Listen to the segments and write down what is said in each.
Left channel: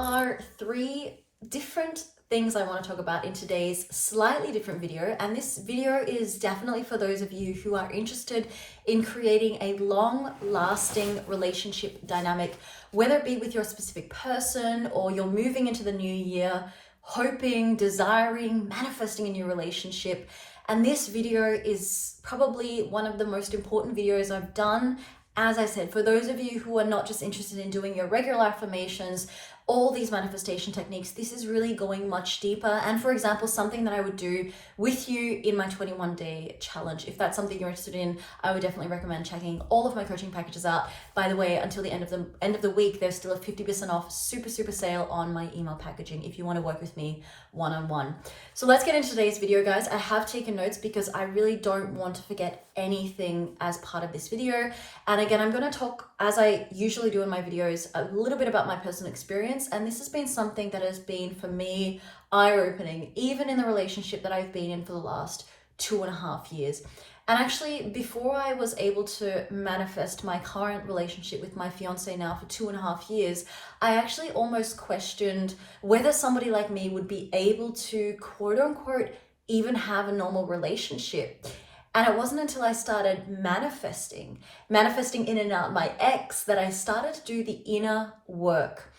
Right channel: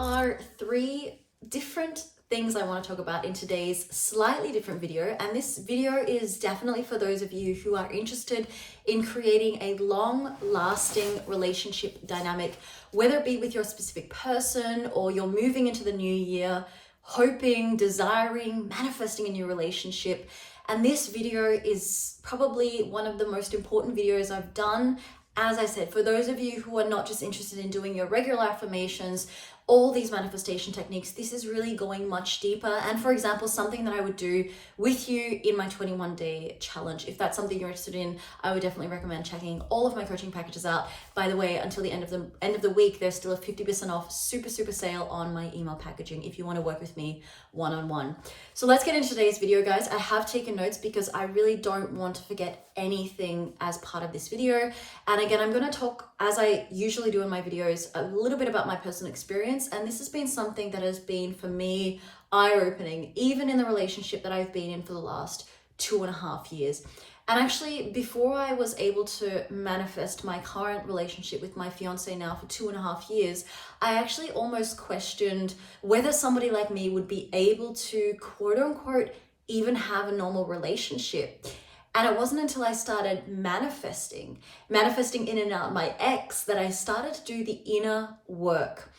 are three different things I want to talk about in today's slightly different video, and this video is definitely for those of you who are interested in creating a long-lasting relationship dynamic, whether it be with your specific person or you're moving into the new year, hoping, desiring, manifesting a new relationship. And this video is probably one of the most important videos I've done. As I said, for those of you who are not just interested in doing your regular affirmations, all these manifestation techniques, this is really going much deeper. And for example, something that I would do with you in my 21-day challenge. If that's something you're interested in, I would definitely recommend checking all of my coaching packages out. By the way, until the end of the week, there's still a 50% off super sale on my email packaging if you want to work with me one-on-one. So let's get into today's video, guys. I have taken notes because I really don't want to forget anything as part of this video. And again, I'm going to talk, as I usually do in my videos, a little bit about my personal experience. And this has been something that has been, for me, eye-opening, even in the relationship that I've been in for the last 2.5 years. And actually, before I was able to manifest my current relationship with my fiance now for 2.5 years, I actually almost questioned whether somebody like me would be able to, quote unquote, even have a normal relationship. And it wasn't until I started manifesting in and out my ex, that I started to do the inner work.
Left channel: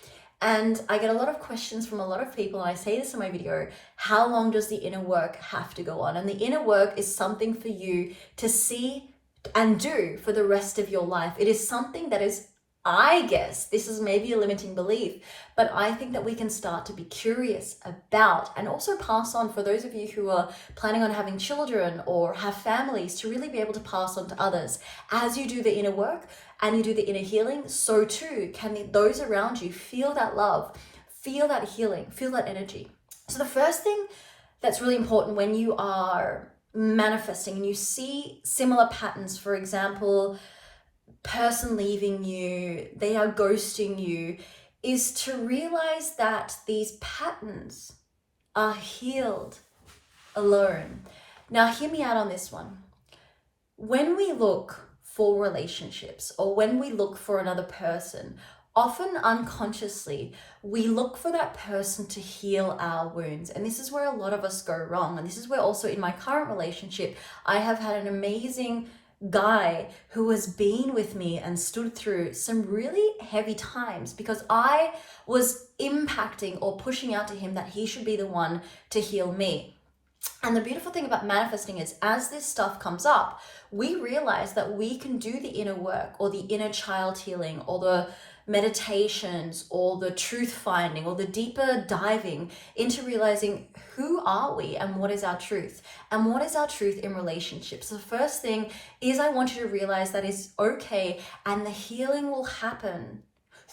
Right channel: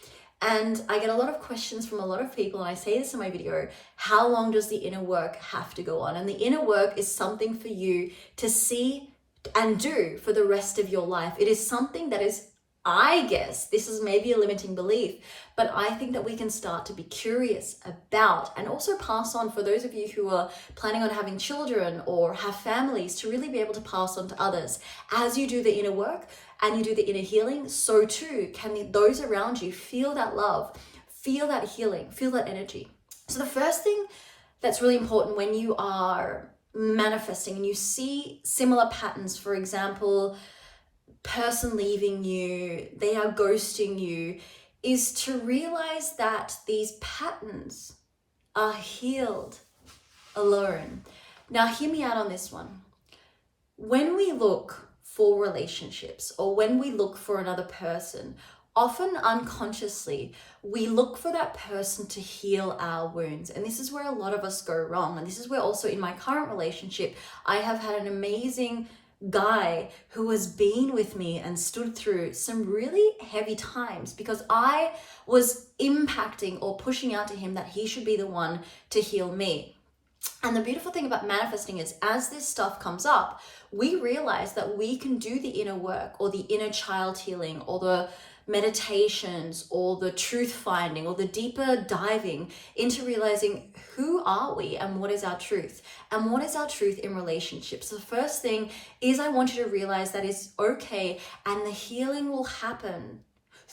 And I get a lot of questions from a lot of people, and I say this in my video: how long does the inner work have to go on? And the inner work is something for you to see and do for the rest of your life. It is something that is, I guess, this is maybe a limiting belief, but I think that we can start to be curious about and also pass on, for those of you who are planning on having children or have families, to really be able to pass on to others. As you do the inner work and you do the inner healing, so too can those around you feel that love, feel that healing, feel that energy. So the first thing that's really important when you are manifesting and you see similar patterns, for example, person leaving you, they are ghosting you, is to realize that these patterns are healed alone. Now, hear me out on this one. When we look for relationships or when we look for another person, often unconsciously, we look for that person to heal our wounds. And this is where a lot of us go wrong. And this is where also in my current relationship, I have had an amazing guy who has been with me and stood through some really heavy times because I was impacting or pushing out to him that he should be the one to heal me. And the beautiful thing about manifesting is, as this stuff comes up, we realize that we can do the inner work or the inner child healing or the meditations or the truth finding or the deeper diving into realizing who are we and what is our truth and what is our truth in relationships. So the first thing is, I want you to realize that is okay, and the healing will happen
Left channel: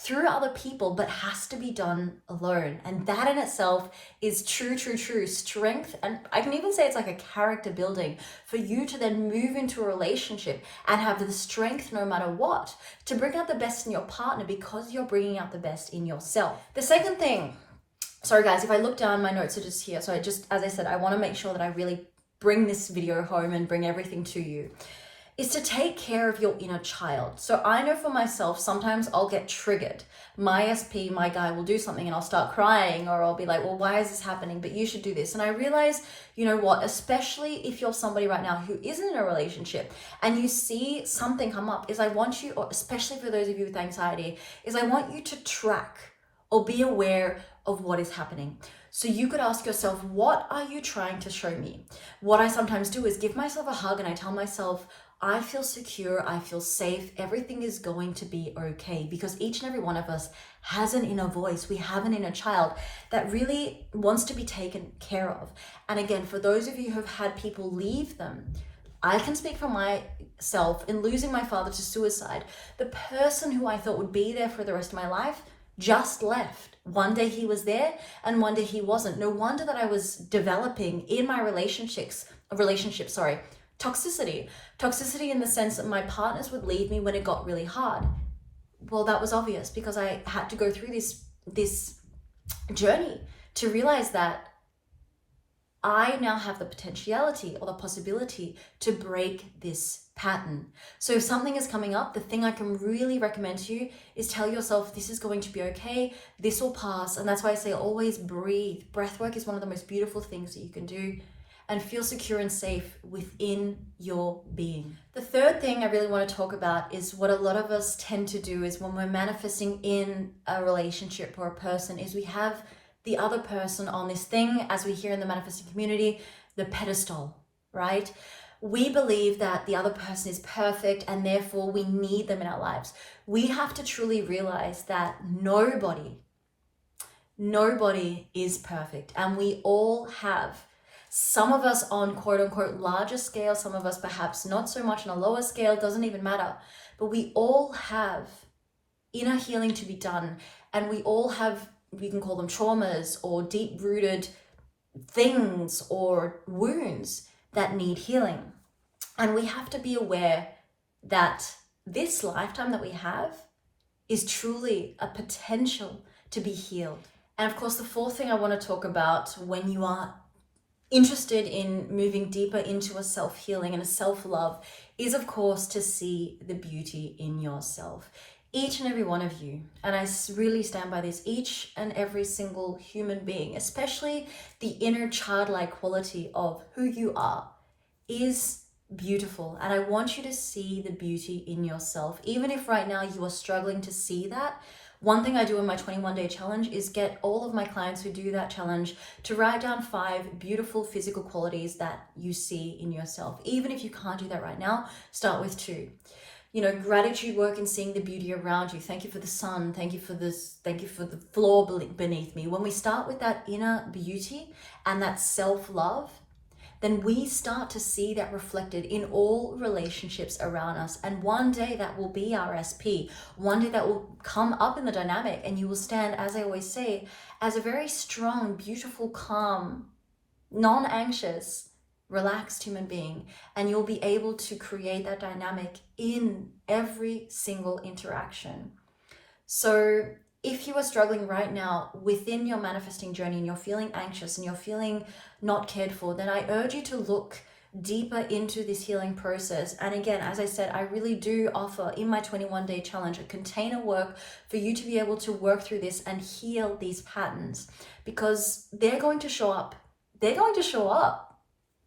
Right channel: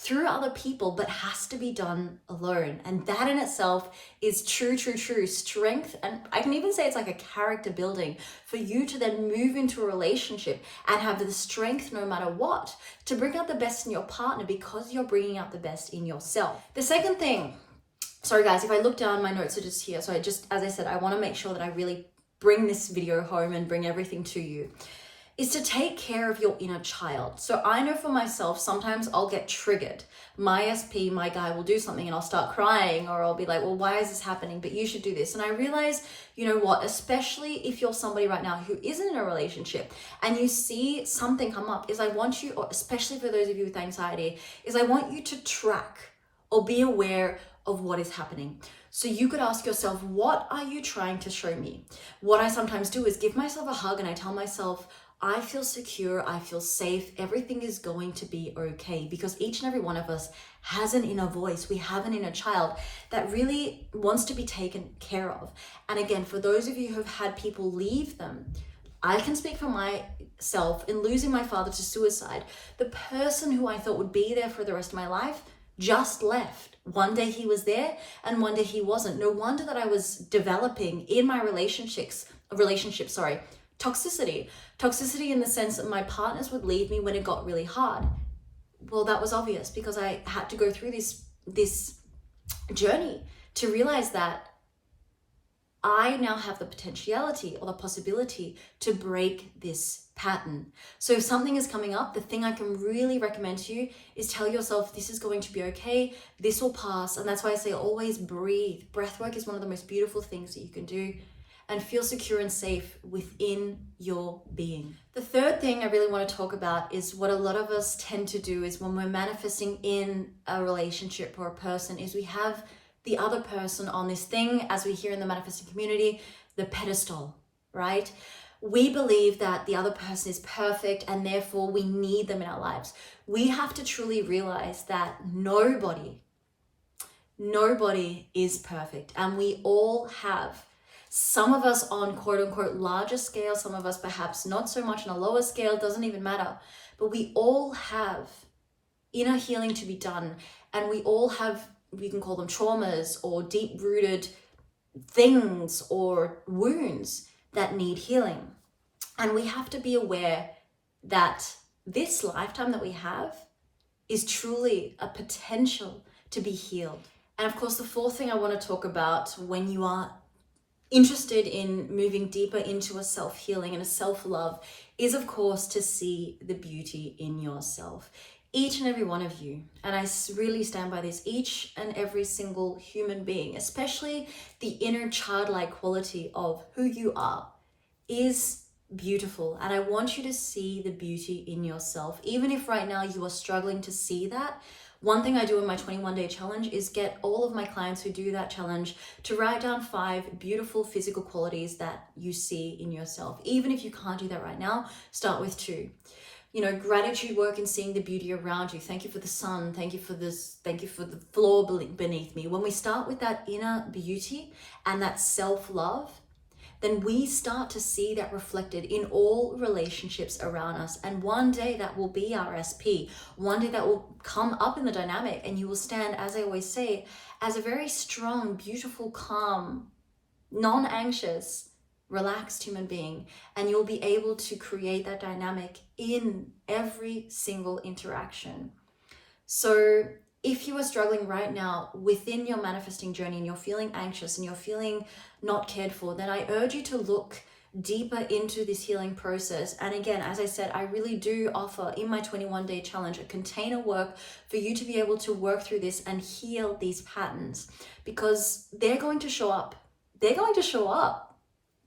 through other people, but has to be done alone. And that in itself is true strength. And I can even say it's like a character building for you to then move into a relationship and have the strength, no matter what, to bring out the best in your partner because you're bringing out the best in yourself. The second thing, sorry guys, if I look down, my notes are just here. So as I said, I want to make sure that I really bring this video home and bring everything to you, is to take care of your inner child. So I know for myself, sometimes I'll get triggered. My SP, my guy, will do something and I'll start crying, or I'll be like, well, why is this happening? But you should do this. And I realize, you know what, especially if you're somebody right now who isn't in a relationship and you see something come up, is I want you, or especially for those of you with anxiety, is I want you to track or be aware of what is happening. So you could ask yourself, what are you trying to show me? What I sometimes do is give myself a hug and I tell myself, I feel secure, I feel safe, everything is going to be okay, because each and every one of us has an inner voice. We have an inner child that really wants to be taken care of. And again, for those of you who have had people leave them, I can speak for myself. In losing my father to suicide, the person who I thought would be there for the rest of my life just left. One day he was there and one day he wasn't. No wonder that I was developing in my relationship, toxicity in the sense that my partners would leave me when it got really hard. Well, that was obvious because I had to go through this journey to realize that I now have the potentiality or the possibility to break this pattern. So if something is coming up, the thing I can really recommend to you is tell yourself this is going to be okay, this will pass. And that's why I say always breathe. Breath work is one of the most beautiful things that you can do, and feel secure and safe within your being. The third thing I really want to talk about is what a lot of us tend to do is when we're manifesting in a relationship or a person is we have the other person on this thing, as we hear in the manifesting community, the pedestal, right? We believe that the other person is perfect and therefore we need them in our lives. We have to truly realize that nobody is perfect, and we all have, some of us on quote unquote larger scale, some of us perhaps not so much on a lower scale, doesn't even matter. But we all have inner healing to be done, and we all have, we can call them traumas or deep-rooted things or wounds that need healing. And we have to be aware that this lifetime that we have is truly a potential to be healed. And of course, the fourth thing I want to talk about when you are interested in moving deeper into a self-healing and a self-love is, of course, to see the beauty in yourself. Each and every one of you, and I really stand by this, each and every single human being, especially the inner childlike quality of who you are, is beautiful. And I want you to see the beauty in yourself. Even if right now you are struggling to see that, one thing I do in my 21-day challenge is get all of my clients who do that challenge to write down 5 beautiful physical qualities that you see in yourself. Even if you can't do that right now, start with 2. You know, gratitude work and seeing the beauty around you. Thank you for the sun. Thank you for this. Thank you for the floor beneath me. When we start with that inner beauty and that self-love, then we start to see that reflected in all relationships around us. And one day that will be our SP. One day that will come up in the dynamic, and you will stand, as I always say, as a very strong, beautiful, calm, non-anxious, relaxed human being. And you'll be able to create that dynamic in every single interaction. So if you are struggling right now within your manifesting journey and you're feeling anxious and you're feeling not cared for, then I urge you to look deeper into this healing process. And again, as I said, I really do offer in my 21-day challenge a container work for you to be able to work through this and heal these patterns, because they're going to show up. They're going to show up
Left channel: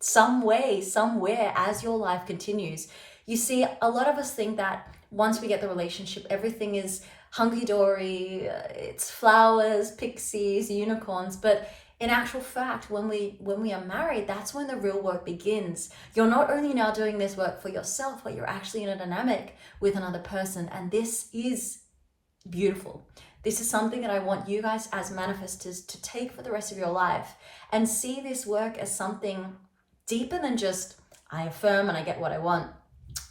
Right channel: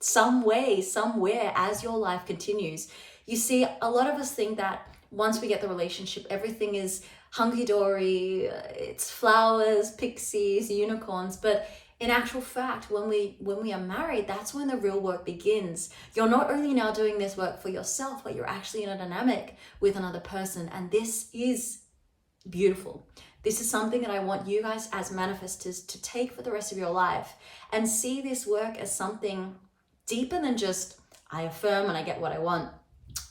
some way, somewhere as your life continues. You see, a lot of us think that once we get the relationship, everything is hunky-dory, it's flowers, pixies, unicorns. But in actual fact, when we are married, that's when the real work begins. You're not only now doing this work for yourself, but you're actually in a dynamic with another person. And this is beautiful. This is something that I want you guys as manifestors to take for the rest of your life and see this work as something deeper than just, I affirm and I get what I want.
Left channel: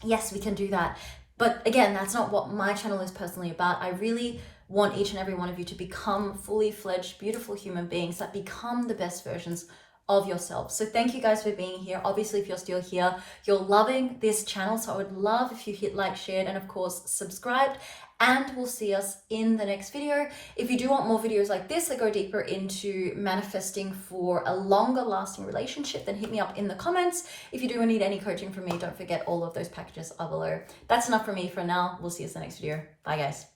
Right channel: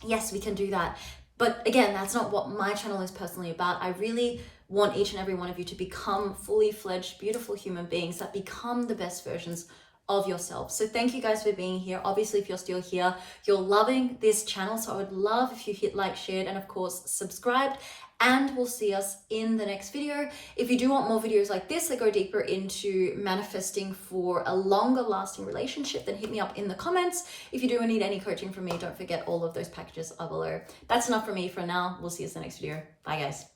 Yes, we can do that. But again, that's not what my channel is personally about. I really want each and every one of you to become fully fledged, beautiful human beings that become the best versions of yourself. So thank you guys for being here. Obviously, if you're still here, you're loving this channel. So I would love if you hit like, shared, and of course, subscribed. And we'll see us in the next video. If you do want more videos like this that go deeper into manifesting for a longer lasting relationship, then hit me up in the comments. If you do need any coaching from me, don't forget all of those packages are below. That's enough for me for now. We'll see us in the next video. Bye guys.